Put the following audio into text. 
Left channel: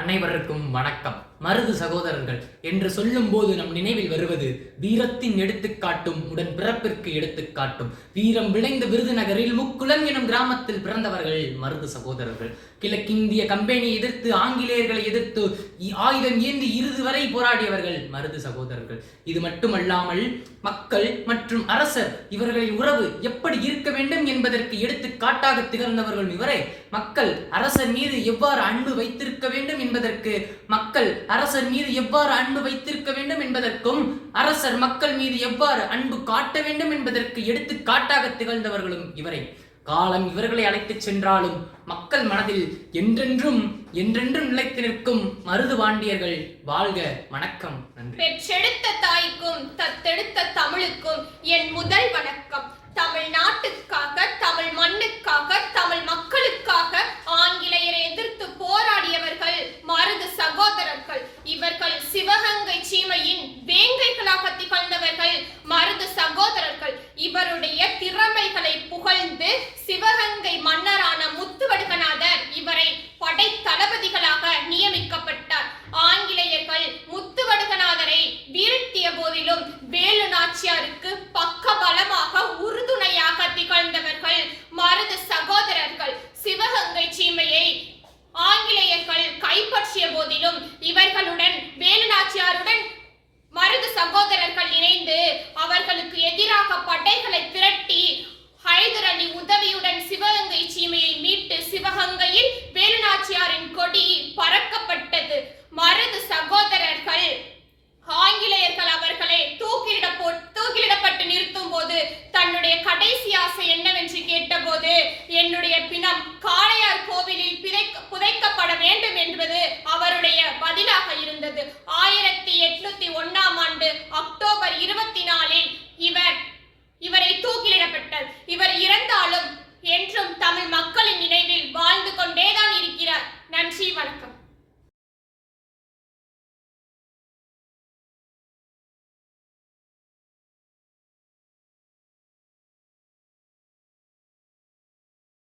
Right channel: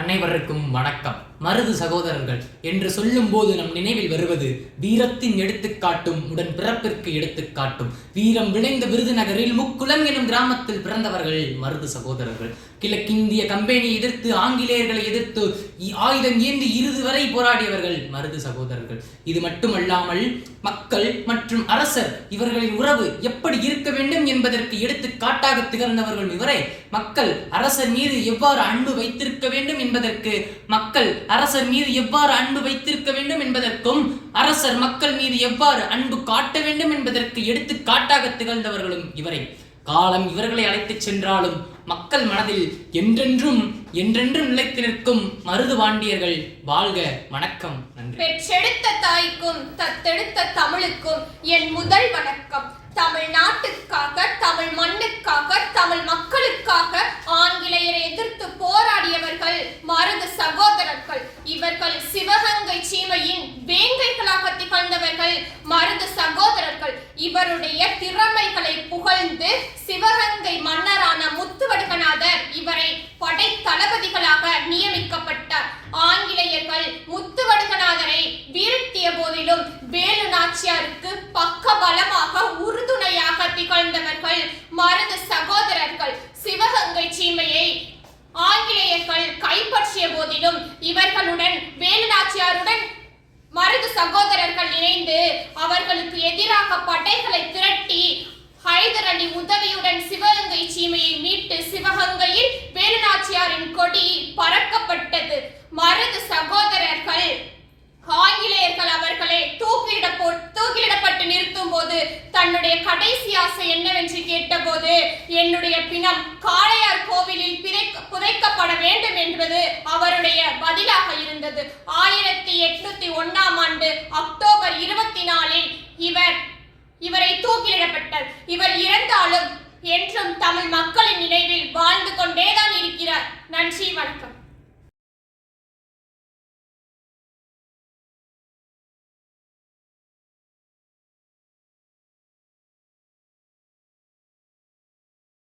அனைவருக்கும் வணக்கம். மருது சகோதரர்கள் என்று சொல்லும் போது நம் நினைவில் வருவது வீரத்தின் எடுத்துக்காட்டும் உடன் பிறப்பிற்கு எடுத்துக்காட்டும். வீரம் விளைந்த விருதுநகரில் முக்குளம் எனும் கிராமத்தில் பிறந்தவர்கள் மருது சகோதரர்கள். கிழக்கிந்திய கம்பெனியை எதிர்த்து, ஆங்கிலேயர்களை எதிர்த்து ஆயுதம் ஏந்தி இறுதி வரை போராடியவர்கள் மருது சகோதரர்கள். இது மட்டுமல்லாமல் மக்கள் மற்றும் அரசர் இவர்களின் உறவு எப்படி இருக்க வேண்டும் என்பதற்கு எடுத்துக்காட்டாக திகழ்ந்தவர்கள் இவரே. மக்கள் அரசர் மீது எவ்வாறு அன்பு வைத்திருக்க வேண்டும் என்பதற்கு, மக்கள் அரசர் மீது எவ்வாறு அன்பு வைத்திருக்க வேண்டும் என்பதற்கும், அரசர் மக்கள் மீது எவ்வாறு அன்பு காட்ட வேண்டும் என்பதற்கு எடுத்துக்காட்டாக திகழ்ந்தவர்களும் இவரே. காலம் இவர்களை அழைத்துச் சென்றாலும் மக்கள் மனதில் என்றென்றும் நிலைத்து நிற்கும் மருது பாண்டியர்கள் வாழ்க. வணக்கம். நன்றி. பெற்றெடுத்த தாய்க்கும் தத்தெடுத்த தமிழுக்கும் என் முதல் வணக்கம். தமிழ்நாட்டுக்காக, தமிழ் மண்ணுக்காக, தமிழ் மக்களுக்காக ஆங்கிலேயரை எதிர்த்து போராடியவர்கள் மருது சகோதரர்கள். இவர்கள் சிவகங்கை சீமையின் வேங்கைகளாக திகழ்ந்தவர்கள் மருது சகோதரர்கள். இவருடைய திறமைகளை புகழ்ந்து சிவகங்கை மன்னரான முத்துவடுகநாதர் இவரை படை தளபதிகளாக நியமிக்கப்பட்டார். ஆங்கிலேயர்கள் முத்துவடுகநாதரை வீழ்த்திய போதிலும் வேலு நாச்சியாருக்கு பக்க பலமாக உறுதுணையாக திகழ்ந்தவர்கள் மருது சகோதரர்கள். சிவகங்கை சீமையை ஆங்கிலேயர்கள் கைப்பற்றிய போதிலும் இவர்களுடன் வேலு நாச்சியாருடன் மருது சகோதரர்கள் இணைந்து அவர்களுக்கு எதிராக படைகளை திரட்டி ஹைதர் அலி உதவியுடன் சிவகங்கை சீமையை மீட்டு சிவகங்கையில் வேலு நாச்சியாரின் கொடி பறக்கப்பட்டது. மருது சகோதரர்கள் ஆங்கிலேயர்கள் அவர்களை தூக்கிலிடப்பட்டு நிறுத்தும் போது தன்னுடைய கடைசி ஆசை என்னவென்று கேட்டபோது, என்னுடைய பிணம் காளையார் கோவிலில் புதைக்கப்பட வேண்டும் என்பது அவருடைய பதிலாக இருந்தது. 1801 அக்டோபர் 24 இவரை தூக்கிலிடப்பட்டார். இவர் இறந்தாலும் என்றும் தமிழ் மக்களின் நினைவில் வாழ்ந்து கொண்டேதான் இருக்கிறார். நன்றி, வணக்கம்.